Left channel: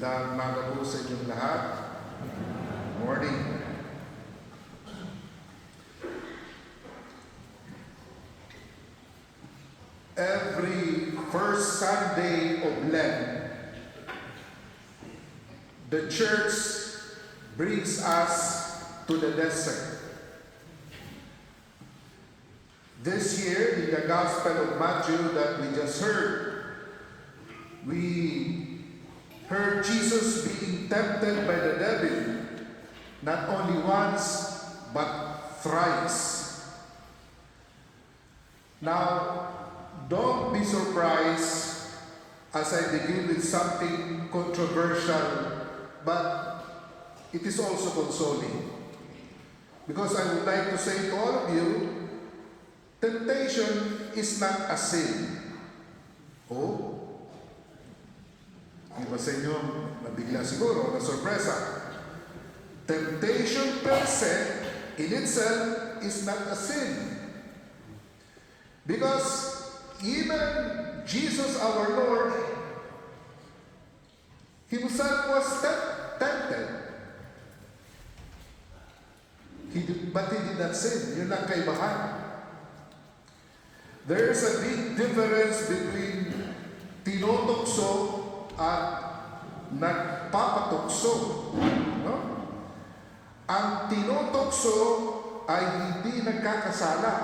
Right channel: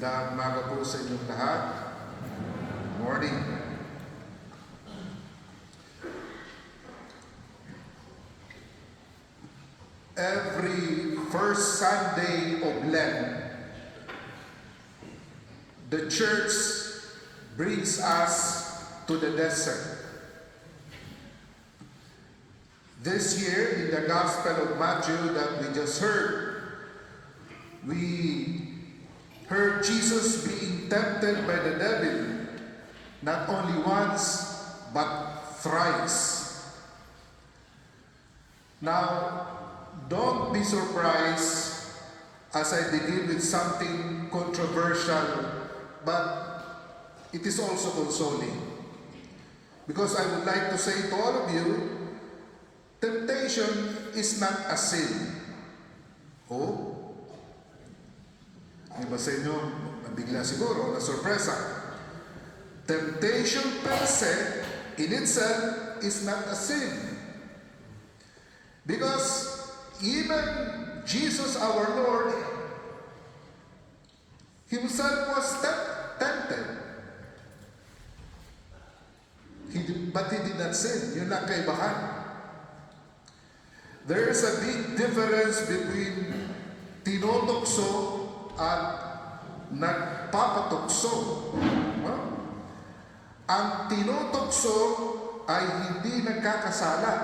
Magandang umaga po sa inyong lahat. Morning. Every first Sunday of Lent, the church brings us to the desert. This year, in the Gospel of Matthew that we just heard, we heard Jesus being tempted by the devil, not only once, but thrice. Now, don't be surprised as I begin with something controversial, but it is also consoling. Because I would like to say to all of you, temptation is not a sin. Oh? Ang iba sa inyo, nabigla siguro, na sorpresa. Temptation per se, in itself, is not a sin. Because even Jesus our Lord himself was tempted. But he did not sin. Yun ang kaibahan. There is a big difference between tinutokso at nagpapatukso. No? Ang tinutokso ay hindi nagkakasala.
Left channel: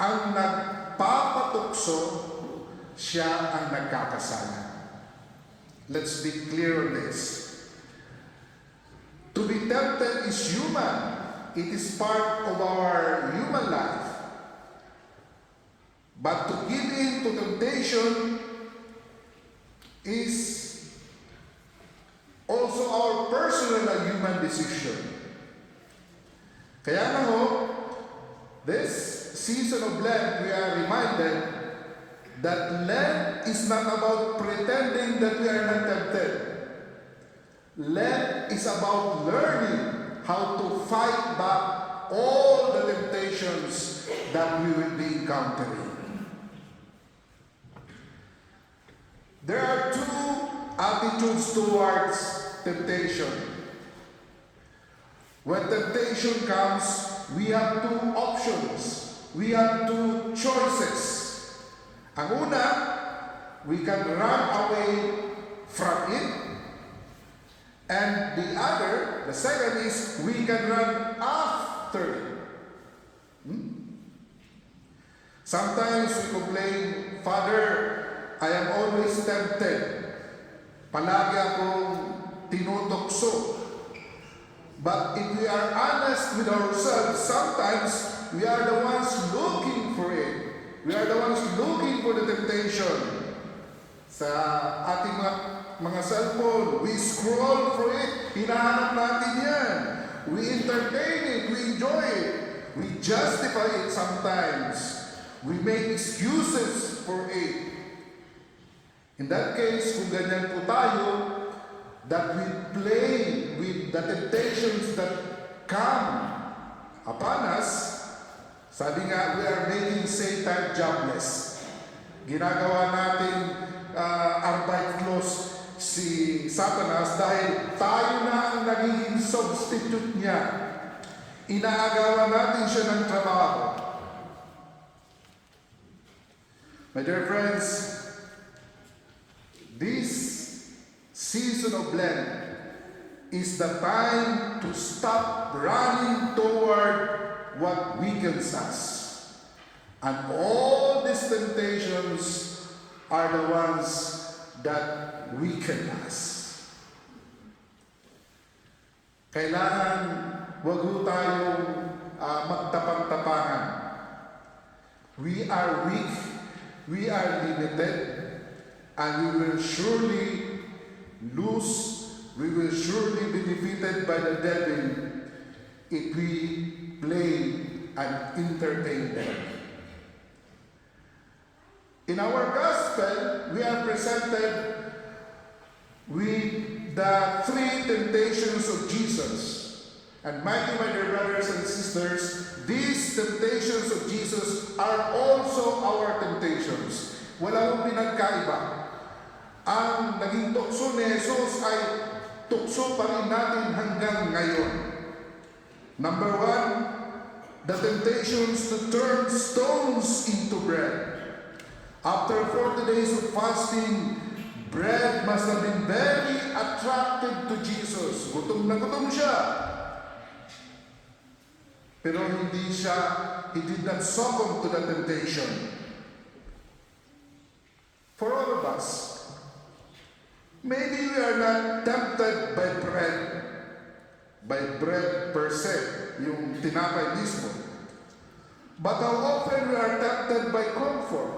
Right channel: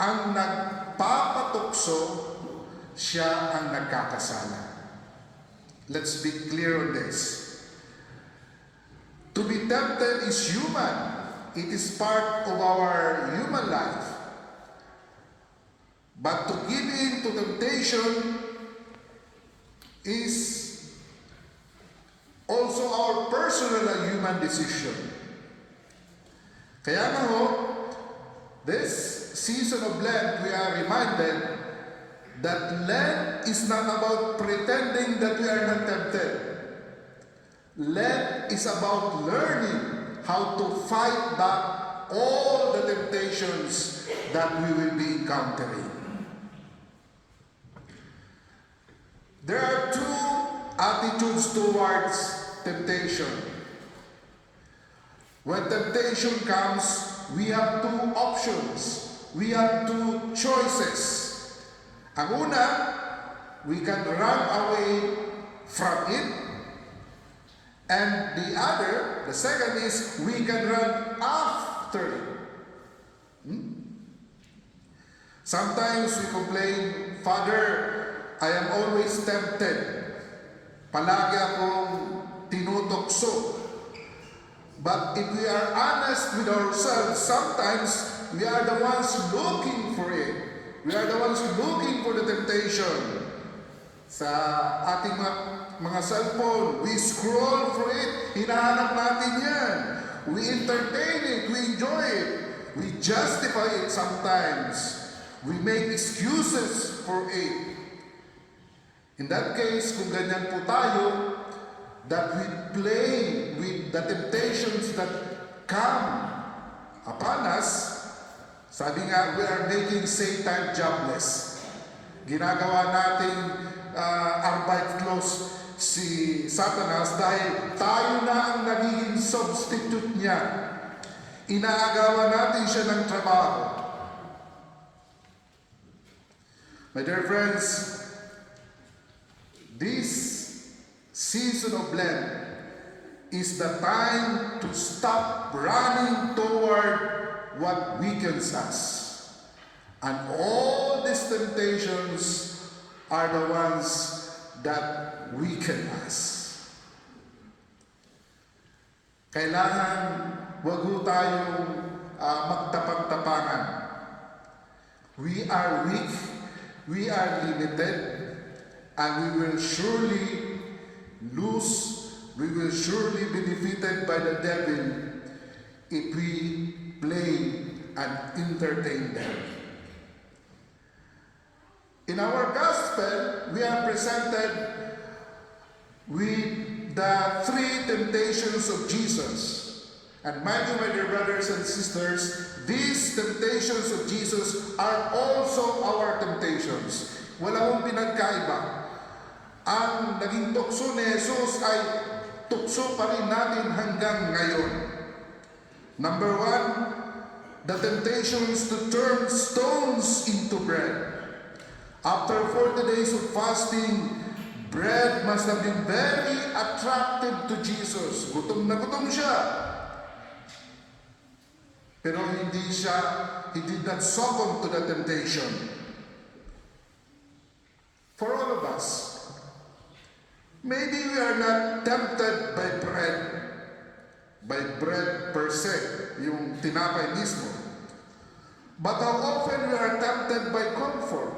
Ang nagpapatukso, siya ang nagkakasala. Let's be clear on this. To be tempted is human. It is part of our human life. But to give in to temptation is also our personal and human decision. Kaya nga ho, this season of Lent, we are reminded that Lent is not about pretending that we are not tempted. Lent is about learning how to fight back all the temptations that we will be encountering. There are two attitudes towards temptation. When temptation comes, we have two options. We have two choices. Ang una, we can run away from it. And the other, the second is, we can run after it. Sometimes we complain, Father, I am always tempted. Palagi akong tinutokso. But if we are honest with ourselves, sometimes we are the ones looking for it. We are the ones looking for the temptation. Sa ating mga cellphone, we scroll for it. Hinahanap natin yan. We entertain it. We enjoy it. We justify it sometimes. We make excuses for it. In that case, kung ganyan po tayo, that we play with the temptations that come upon us, sabi nga, we are making Satan jobless. Ginagawa natin arbeitslos si Satanas dahil tayo na ang nagiging substitute niya. Inaagawan natin siya ng trabaho. My dear friends, this season of Lent is the time to stop running toward what weakens us. And all these temptations are the ones that weaken us. Kailangan wag ho tayong magtapang-tapangan. We are weak, we are limited, and we will surely lose, we will surely be defeated by the devil if we play and entertain them. In our gospel, we are presented with the three temptations of Jesus. And mind you, my dear brothers and sisters, these temptations of Jesus are also our temptations. Wala akong pinagkaiba. ang naging tukso ni Jesus ay tukso pa rin natin hanggang ngayon. Number one, the temptations to turn stones into bread. After 40 days of fasting, bread must have been very attractive to Jesus. Gutom na gutom siya. Pero he did not succumb to the temptation. For all of us, maybe we are not tempted by bread per se, yung tinapay mismo. But how often we are tempted by comfort,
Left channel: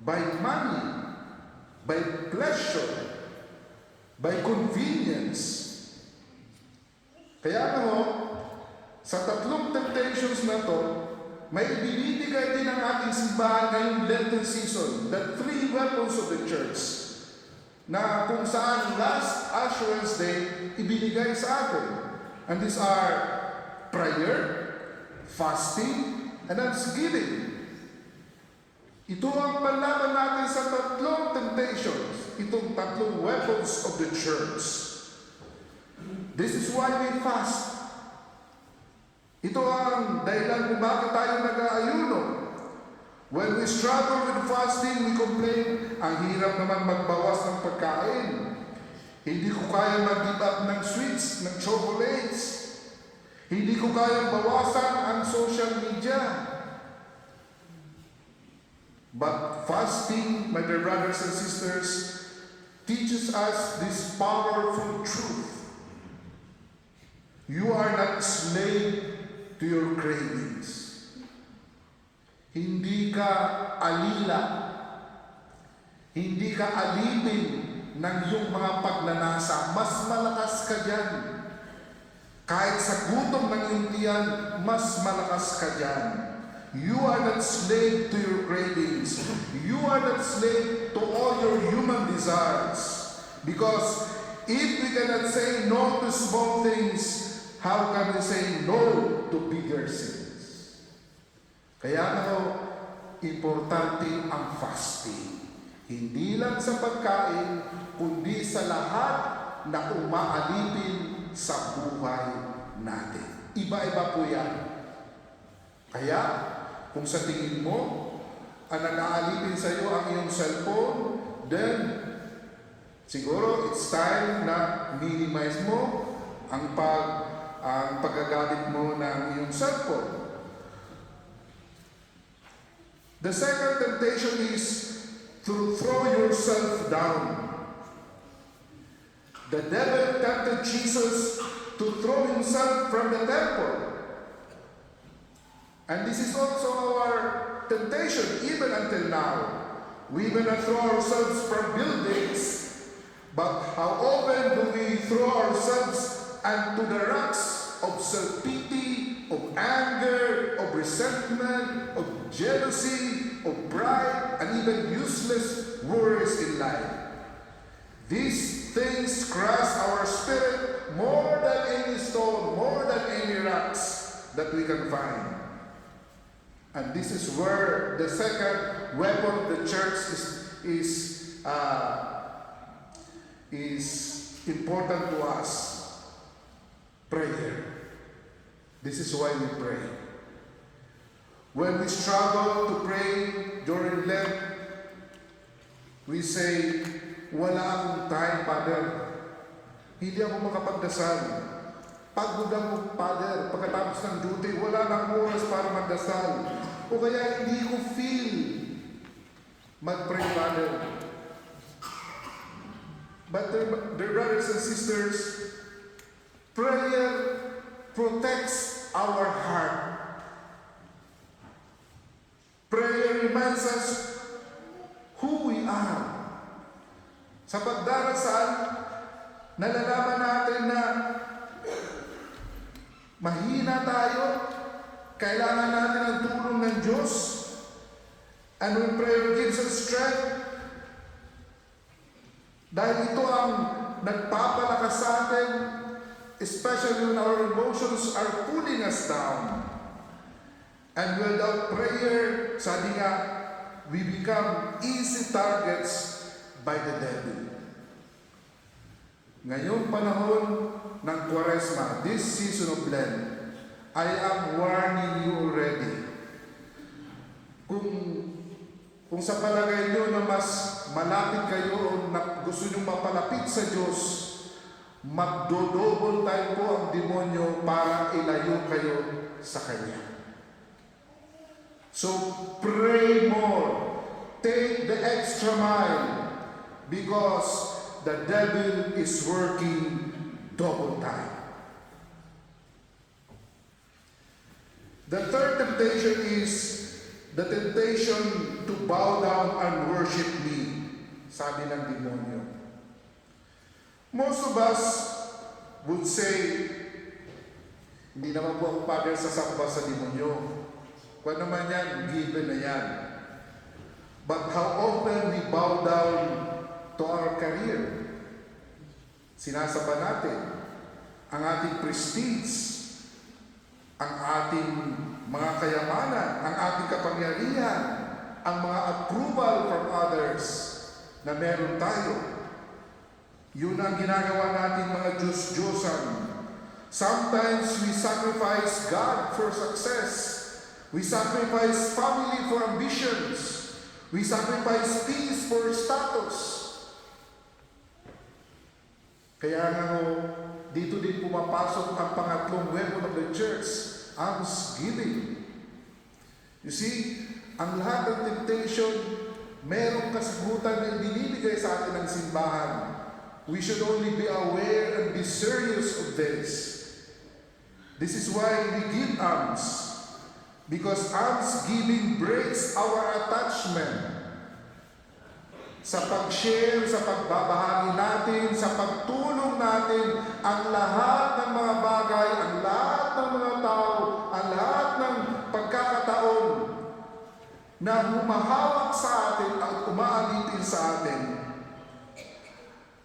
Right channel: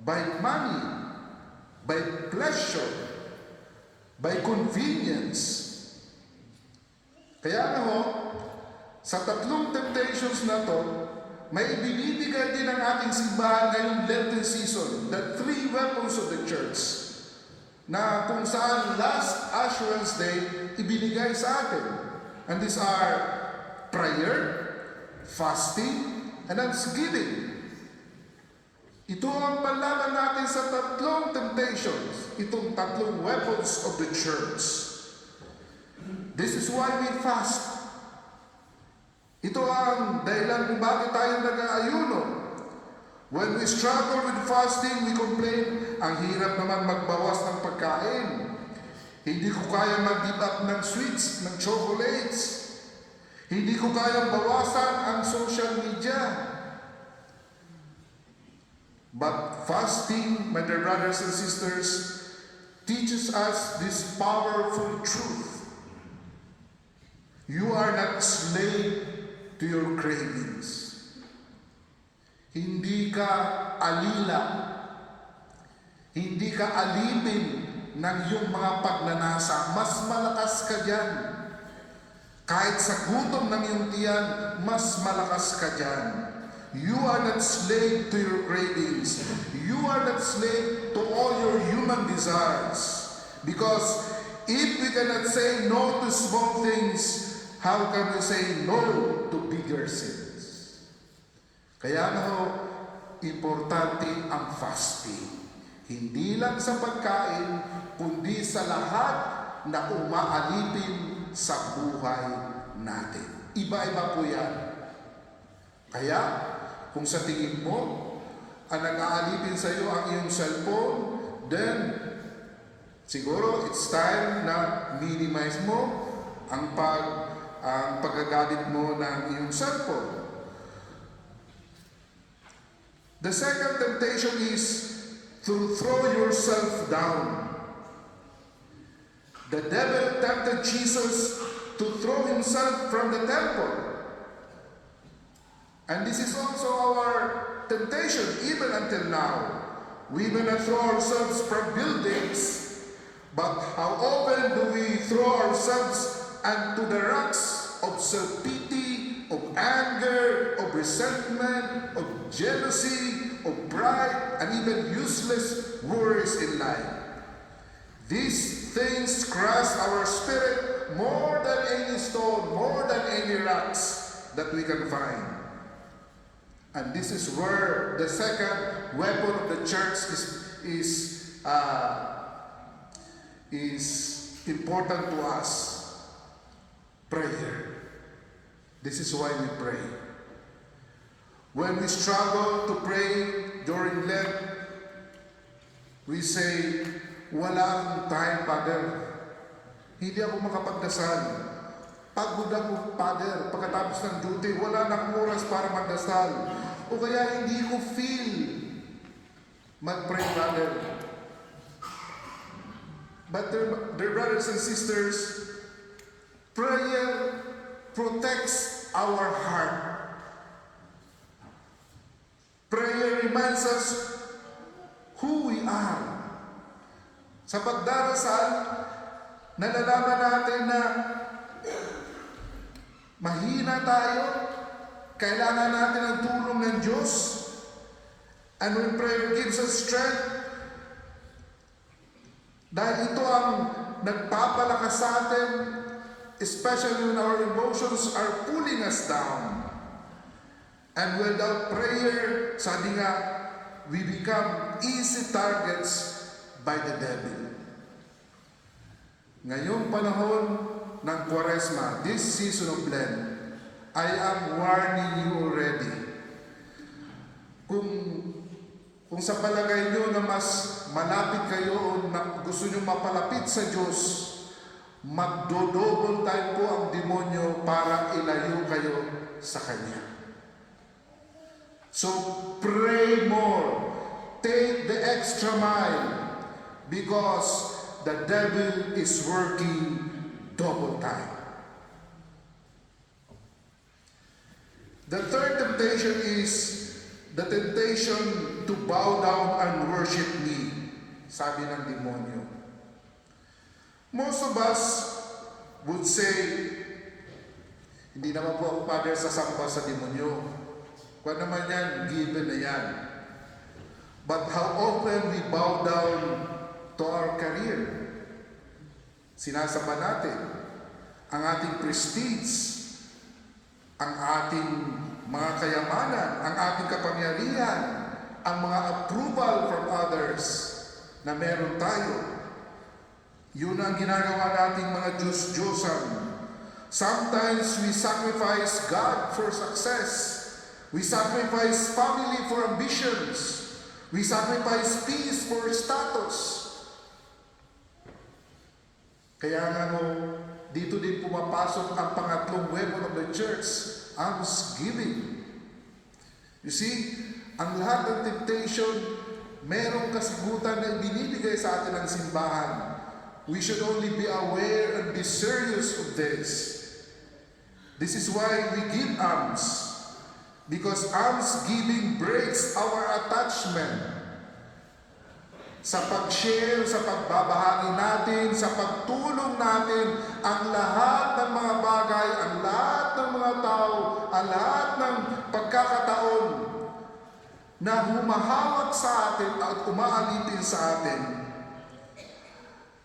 by money, by pleasure, by convenience. Kaya sa tatlong temptations na to, may binibigay din ang ating simbahan ngayong Lenten season, the three weapons of the church, na kung saan last Ash Wednesday ibinigay sa atin. And these are prayer, fasting, and thanksgiving. Ito ang panlaban natin sa tatlong temptations, itong tatlong weapons of the church. This is why we fast. Ito ang dahilan kung bakit tayo nag-aayuno. When we struggle with fasting, we complain, ang hirap naman magbawas ng pagkain. Hindi ko kaya mag-give up ng sweets, ng chocolates. Hindi ko kaya bawasan ang social media. But fasting, my dear brothers and sisters, teaches us this powerful truth. You are not slave to your cravings. Hindi ka alila. Hindi ka alipin ng iyong mga pagnanasa. Mas malakas ka dyan. Kahit sa gutom ng iyong tiyan, mas malakas ka dyan. You are not slave to your cravings. You are not slave to all your human desires. Because if we cannot say no to small things, how can we say no to bigger sins? Kaya importante ang fasting. Hindi lang sa pagkain, kundi sa lahat na umaalipin sa buhay natin. Iba-iba po yan. Kaya, kung sa tingin mo, ang nag-aalipin sa iyo ang iyong cellphone, then, siguro it's time na minimize mo ang paggagamit mo ng iyong cellphone. The second temptation is to throw yourself down. The devil tempted Jesus to throw himself from the temple. And this is also our temptation even until now. We will not throw ourselves from buildings, but how often do we throw ourselves into the rocks of self-pity, of anger, of resentment, of jealousy, of pride, and even useless worries in life. These things crush our spirit more than any stone, more than any rocks that we can find. And this is where the second weapon of the church is important to us. Prayer. This is why we pray. When we struggle to pray during Lent, we say, wala akong time, Father. Hindi ako makapagdasal. Pagod ako, Father. Pagkatapos ng duty, wala na akong oras para magdasal. O kaya hindi ko feel mag-pray, Father. But dear brothers and sisters, prayer protects our heart. Prayer reminds us who we are. Sa pagdarasal, nalalaman natin na mahina tayo, kailangan natin ang tulong ng Diyos. And when prayer gives us strength, dahil ito ang nagpapalakas sa atin, especially when our emotions are pulling us down. And without prayer, sabi nga, we become easy targets by the devil. Ngayong panahon ng Kwaresma, this season of Lent, I am warning you already. Kung sa palagay nyo na mas malapit kayo o gusto nyo mapalapit sa Diyos, magdodouble time po ang demonyo para ilayo kayo sa Kanya. So pray more. Take the extra mile because the devil is working double time. The third temptation is the temptation to bow down and worship me, sabi ng demonyo. Most of us would say, hindi naman po ako father sasamba sa demonyo. Kung naman yan, given na yan. But how often we bow down to our career? Sinasamba natin ang ating prestige, ang ating mga kayamanan, ang ating kapangyarihan, ang mga approval from others na meron tayo. Yun ang ginagawa nating mga Diyos-Diyosan. Sometimes we sacrifice God for success. We sacrifice family for ambitions. We sacrifice peace for status. Kaya nga dito din pumapasok ang pangatlong weapon of the church, almsgiving. You see, ang lahat ng temptation, merong kasagutan na ibinibigay sa atin ng simbahan. We should only be aware and be serious of this. This is why we give alms. Because almsgiving breaks our attachment sa pag-share, sa pagbabahagi natin, sa pagtulong natin, ang lahat ng mga bagay, ang lahat ng mga tao, ang lahat ng pagkakataon na humahawak sa atin at umaalipin sa atin.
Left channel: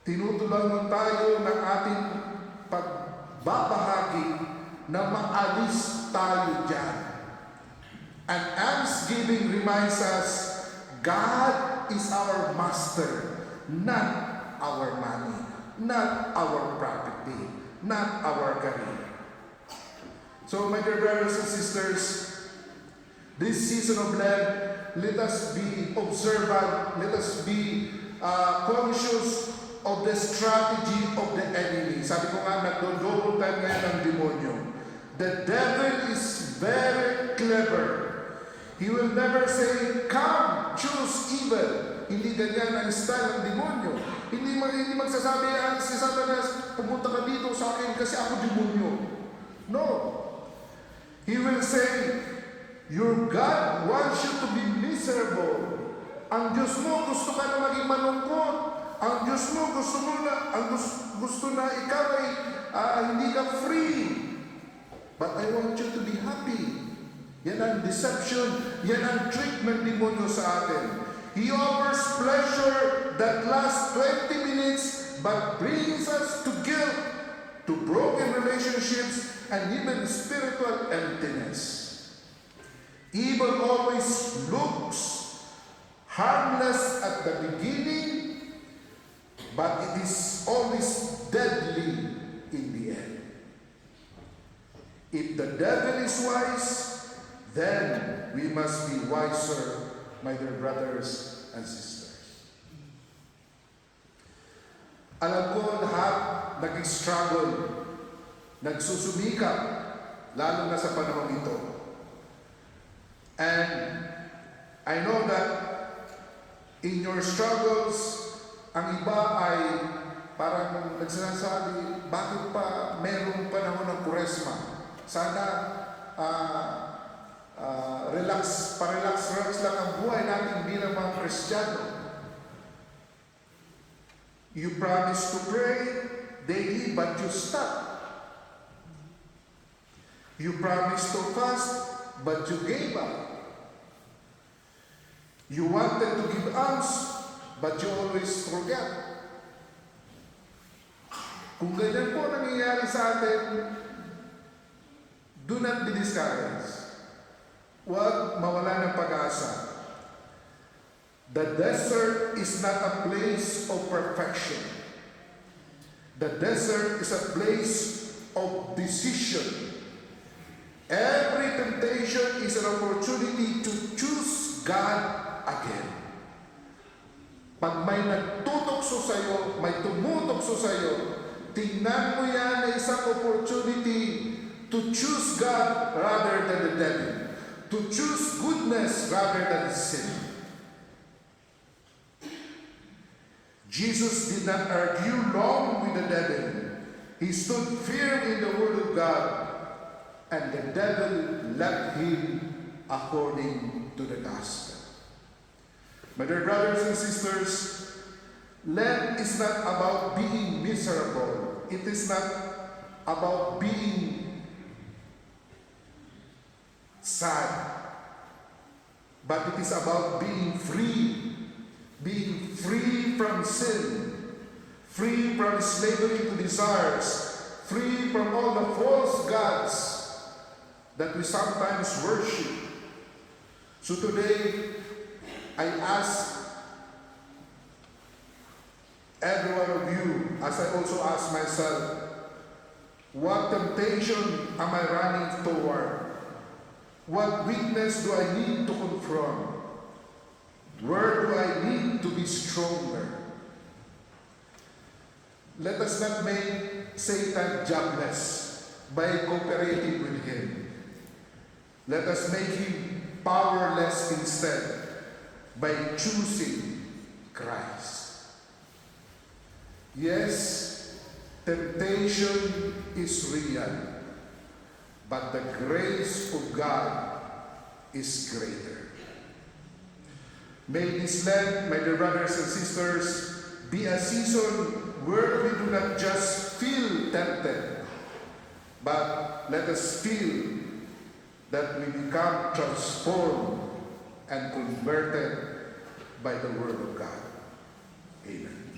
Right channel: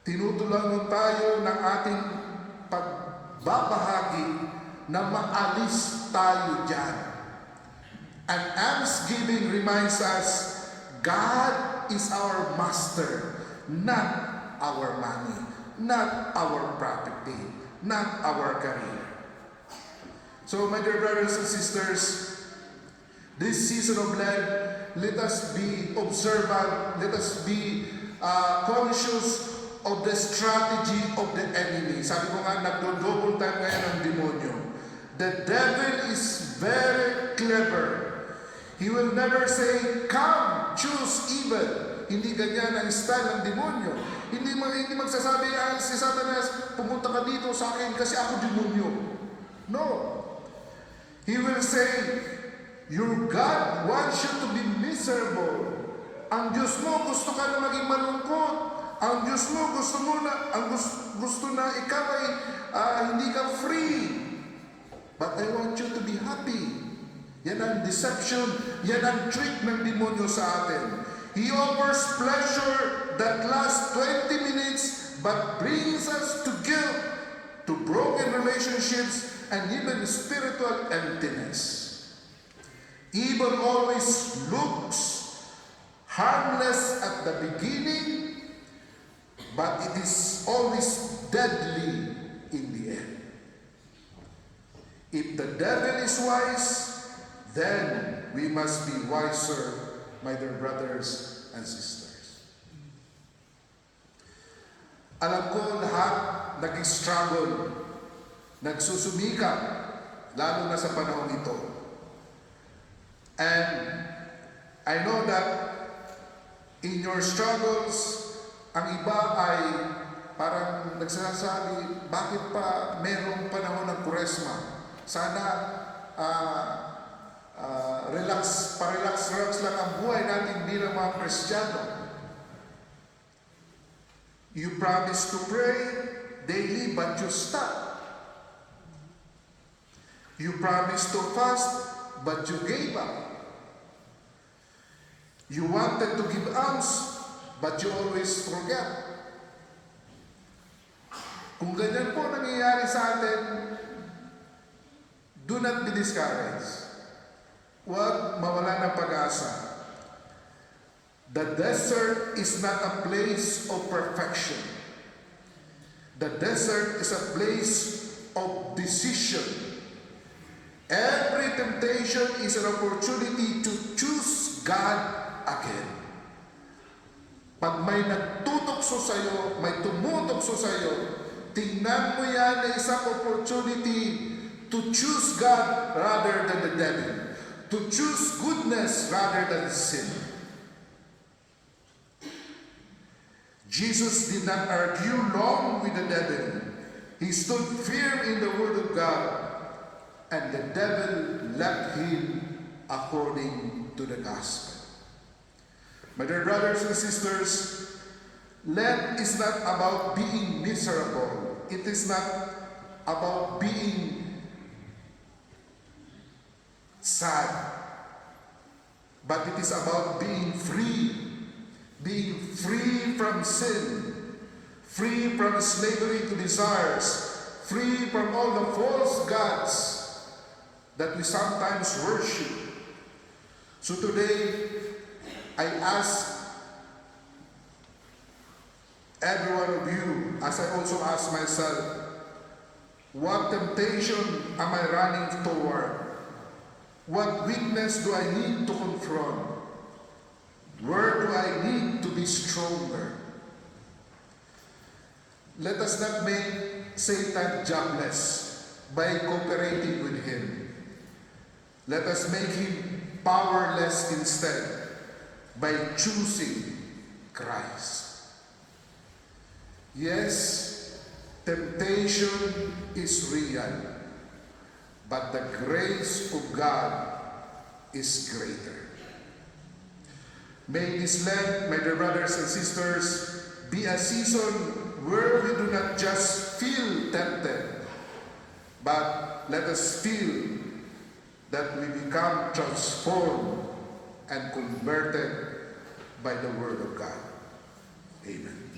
Tinutulungan tayo ng ating pagbabahagi na maalis tayo dyan. And almsgiving reminds us, God is our master, not our money, not our property, not our career. So, my dear brothers and sisters, this season of Lent, let us be observant, let us be conscious of the strategy of the enemy. Sabi ko nga, nagdo-double time ngayon ang demonyo. The devil is very clever. He will never say, come, choose evil. Hindi ganyan ang style ng demonyo. Hindi magsasabi, si Satanas, pumunta ka dito sa akin kasi ako demonyo. No. He will say, your God wants you to be miserable. Ang Diyos mo, gusto ka na maging malungkot. Ang Diyos mo, gusto na ikaw ay hindi ka free. But I want you to be happy. Yan ang deception, yan ang trick ng demonyo sa atin. He offers pleasure that lasts 20 minutes but brings us to guilt, to broken relationships, and even spiritual emptiness. Evil always looks harmless at the beginning, but it is always deadly in the end. If the devil is wise, then we must be wiser, my dear brothers and sisters. Alam ko lahat nag-struggle, nagsusumikap, lalo na sa panahon ito. And I know that in your struggles, ang iba ay parang nagsasabi, bakit pa merong panahon ng Kwaresma? Sana relax lang ang buhay natin, hindi na mga Kristiyano. You promise to pray daily but you stop. You promise to fast but you gave up. You wanted to give alms but you always forget. Kung ganyan po nangyayari sa atin, do not be discouraged. Huwag mawala ng pag-asa. The desert is not a place of perfection. The desert is a place of decision. Every temptation is an opportunity to choose God again. Pag may nagtutokso sa'yo, may tumutokso sa'yo, tingnan mo yan na isang opportunity to choose God rather than the devil. To choose goodness rather than sin. Jesus did not argue long with the devil. He stood firm in the word of God, and the devil left him according to the gospel. My dear brothers and sisters, Lent is not about being miserable. It is not about being sad, but it is about being free from sin, free from slavery to desires, free from all the false gods that we sometimes worship. So today, I ask every one of you, as I also ask myself, what temptation am I running toward? What weakness do I need to confront? Where do I need to be stronger? Let us not make Satan jobless by cooperating with him. Let us make him powerless instead by choosing Christ. Yes, temptation is real, but the grace of God is greater. May this Lent, my dear brothers and sisters, be a season where we do not just feel tempted, but let us feel that we become transformed and converted by the Word of God. Amen.